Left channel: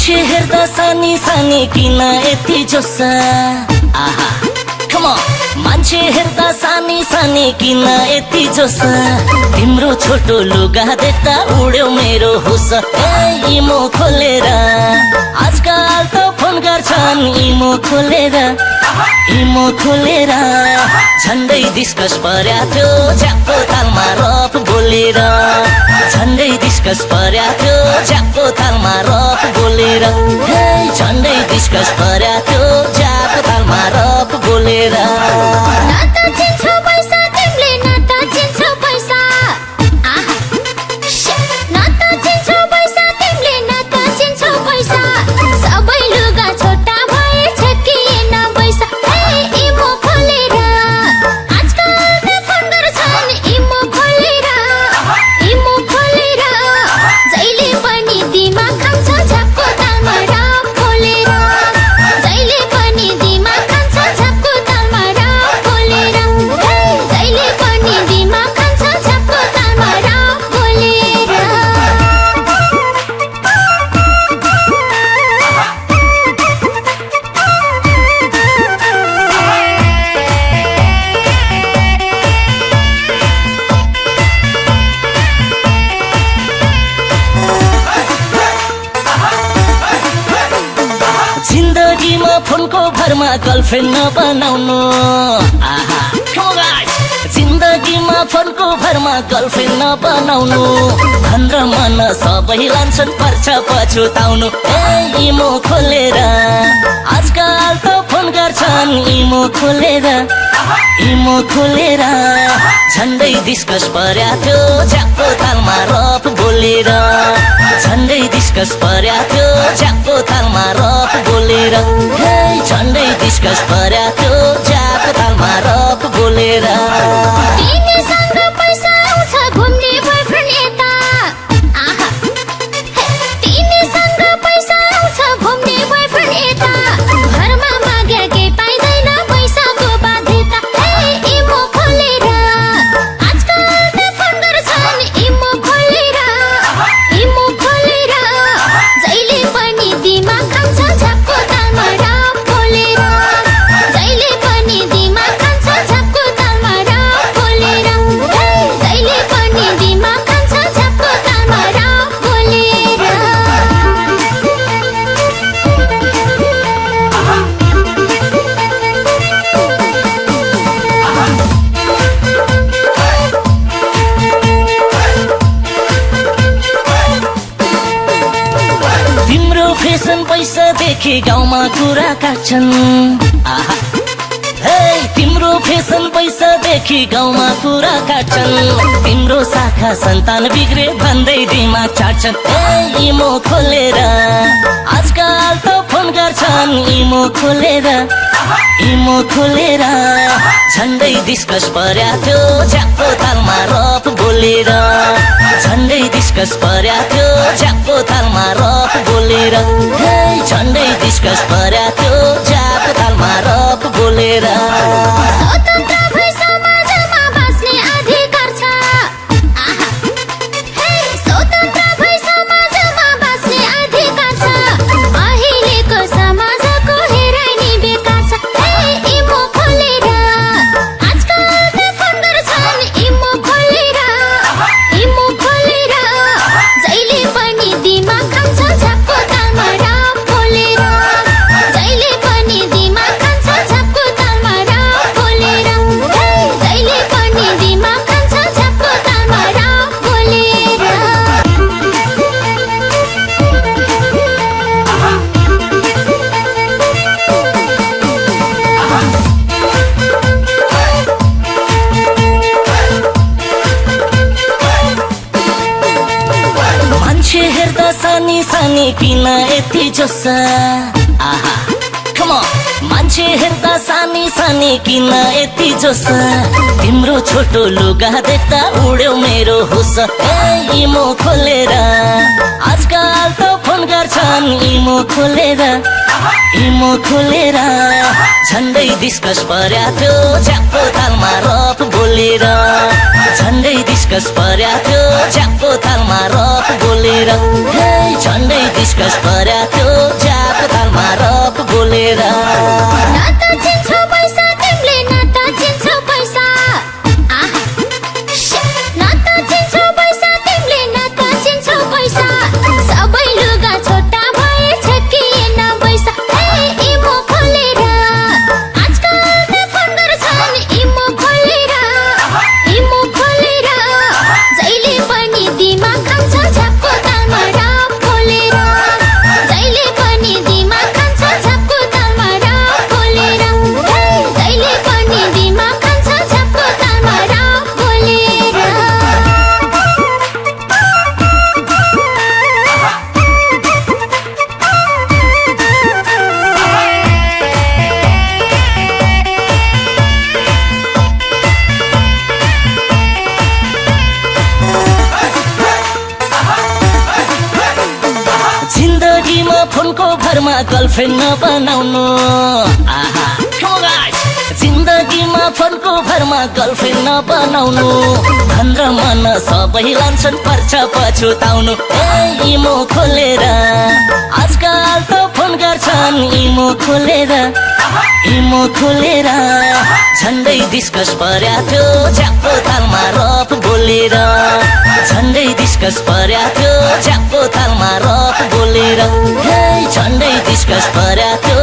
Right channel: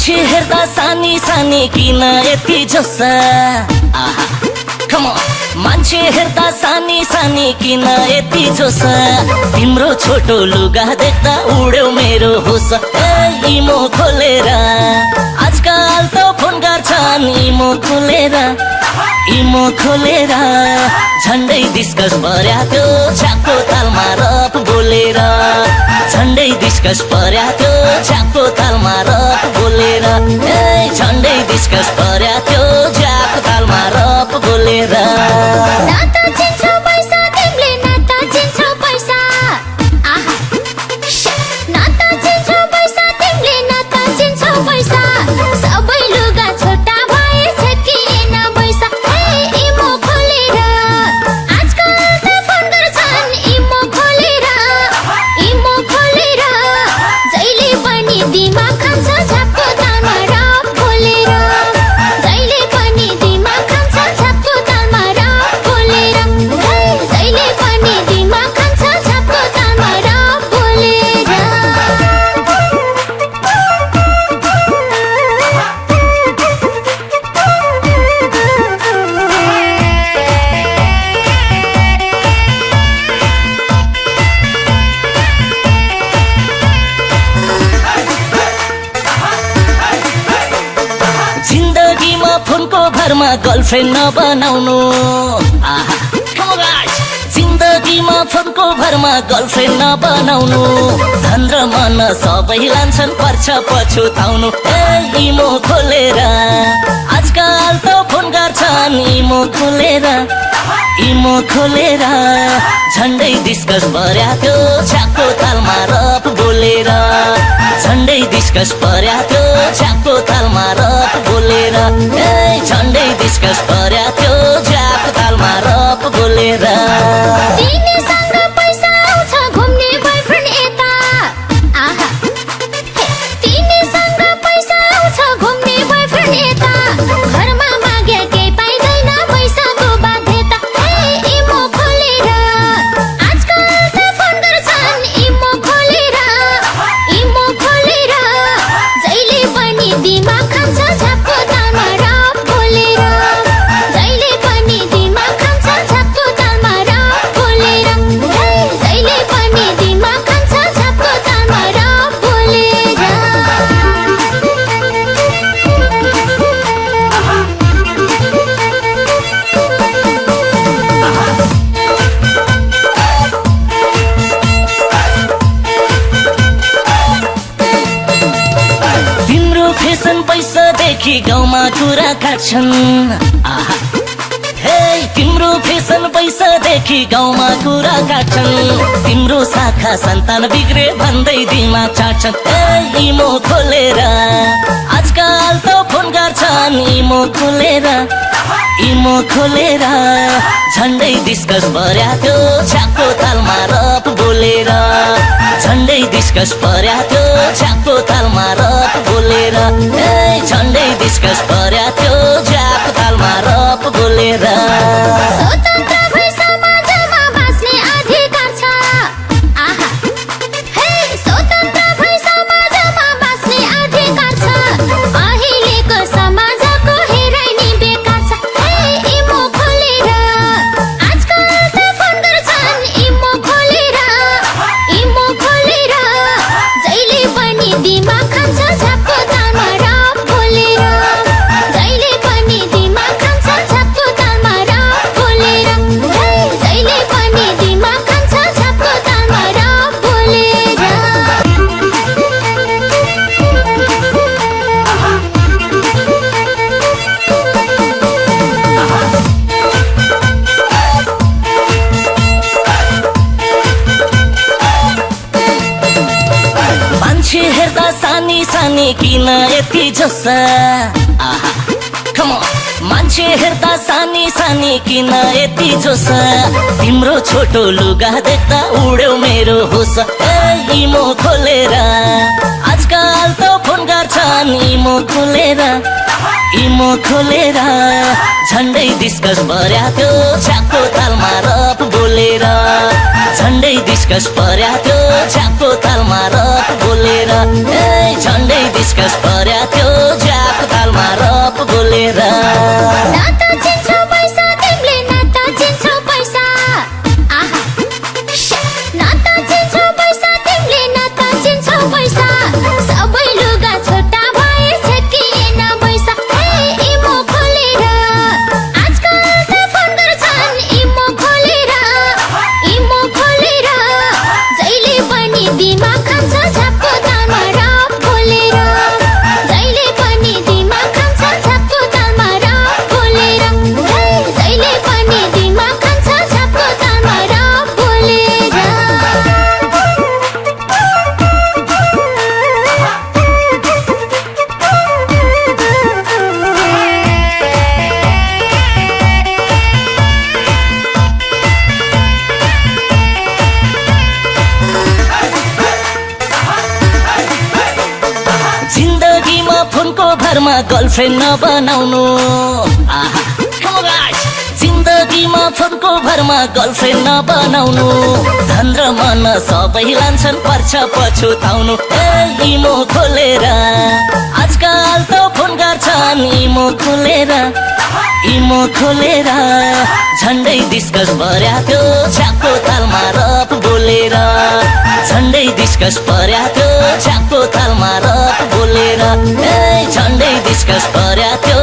मान्छे हेर्दा सानी सानी किन यति जोसा आहा कम अन मान्छे हेर्दा सानी सानी किन यति जोसा तिम्रो छोटो लुगा देख्दा उड्यो मेरो होस इमो खोलेर आजकल त फोन गर्छन् इमो खोलेर झन्डै डिस्कस पर्या त्यो छ्यापको तालमा रफ बोलेर झन्डै डिस्कस पर्या त्यो छ्यापको तालमा रफ बोलेर झन्डै डिस्कस पर्या त्यो छ्यापको तालमा रफ बोलेर नाता चिन्छौ पैसा तिमीले नाता चिन्छौ पैसा आहा नाता चिन्छौ पैसा तिमीले नाता चिन्छौ पैसा सबै लुगा छोटा भए छकिएन पैसा इमो खोलेर आजकल त फोन गर्छन् इमो खोलेर जहिले पनि दिमाग खान्छ झ्यापको तालमा रफ खोलेर जहिले पनि दिमाग खान्छ झ्यापको तालमा रफ खोलेर जहिले पनि दिमाग खान्छ झ्यापको तालमा रफ खोलेर जिन्दगीमा फोनको भरमा गर्लफ्रेन्ड नबनाउनु आहा जिन्दगीमा फोनको भरमा गर्लफ्रेन्ड नबनाउनु धन र मन सबै लान्छन् पर्छ पछुताउनु इमो खोलेर आजकल त फोन गर्छन् इमो खोलेर झन्डै डिस्कस पर्या त्यो छ्यापको तालमा रफ बोलेर झन्डै डिस्कस पर्या त्यो छ्यापको तालमा रफ बोलेर झन्डै डिस्कस पर्या त्यो छ्यापको तालमा रफ बोलेर तिमीसँग पैसा आउँछ घुम्ने बोयफ्रेन्ड यता आहा तिमीसँग पैसा आउँछ घुम्ने बोयफ्रेन्ड यता घरमा मागे के पाइदैन पैसाको बाध्यता इमो खोलेर आजकल त फोन गर्छन् इमो खोलेर जहिले पनि दिमाग खान्छ झ्यापको तालमा रफ खोलेर जहिले पनि दिमाग खान्छ झ्यापको तालमा रफ खोलेर जहिले पनि दिमाग खान्छ झ्यापको तालमा रफ खोलेर तिम्रो फेसन पैसादेखि गाउँमा कुरा काट्छन् आहा तिम्रो फेसन पैसादेखि गाउँमा कुरा काट्छन् तिम्रो शाखा सन्तान बिग्रे भन्दै दिमाग चाट्छन् इमो खोलेर आजकल त फोन गर्छन् इमो खोलेर झन्डै डिस्कस पर्या त्यो छ्यापको तालमा रफ बोलेर झन्डै डिस्कस पर्या त्यो छ्यापको तालमा रफ बोलेर झन्डै डिस्कस पर्या त्यो छ्यापको तालमा रफ बोलेर स्वतन्त्र भई समाजमा बाँच्ने अधिकार छ आहा स्वतन्त्र भई समाजमा बाँच्ने अधिकार छ अहिलेको समाजको हेराइ नि बेकार छ इमो खोलेर आजकल त फोन गर्छन् इमो खोलेर जहिले पनि दिमाग खान्छ झ्यापको तालमा रफ खोलेर जहिले पनि दिमाग खान्छ झ्यापको तालमा रफ खोलेर जहिले पनि दिमाग खान्छ झ्यापको तालमा रफ खोलेर मान्छे हेर्दा सानी सानी किन यति जोसा आहा कम अन मान्छे हेर्दा सानी सानी किन यति जोसा तिम्रो छोटो लुगा देख्दा उड्यो मेरो होस इमो खोलेर आजकल त फोन गर्छन् इमो खोलेर इमो खोलेर झन्डै डिस्कस पर्या त्यो छ्यापको तालमा रप बोलेर झन्डै डिस्कस पर्या त्यो छ्यापको तालमा रप बोलेर झन्डै डिस्कस पर्या त्यो छ्यापको तालमा रप बोलेर नाता चिन्छौ पैसा तिमीले नाता चिन्छौ पैसा आहा नाता चिन्छौ पैसा तिमीले नाता चिन्छौ पैसा सबै लुगा छोटा भए छकिएन पैसा इमो खोलेर आजकल त फोन गर्छन् इमो खोलेर जहिले पनि दिमाग खान्छ झ्यापको तालमा रप बोलेर जहिले पनि दिमाग खान्छ झ्यापको तालमा रप बोलेर जहिले पनि दिमाग खान्छ झ्यापको तालमा रप बोलेर जिन्दगीमा फोनको भरमा गर्लफ्रेन्ड नबनाउनु आहा जिन्दगीमा फोनको भरमा गर्लफ्रेन्ड नबनाउनु धन र मन सबै लान्छन् पर्छ पछुताउनु इमो खोलेर आजकल त फोन गर्छन् इमो खोलेर झन्डै डिस्कस पर्या त्यो छ्यापको तालमा रप बोलेर झन्डै डिस्कस पर्या त्यो छ्यापको तालमा रप बोलेर झन्डै डिस्कस पर्या त्यो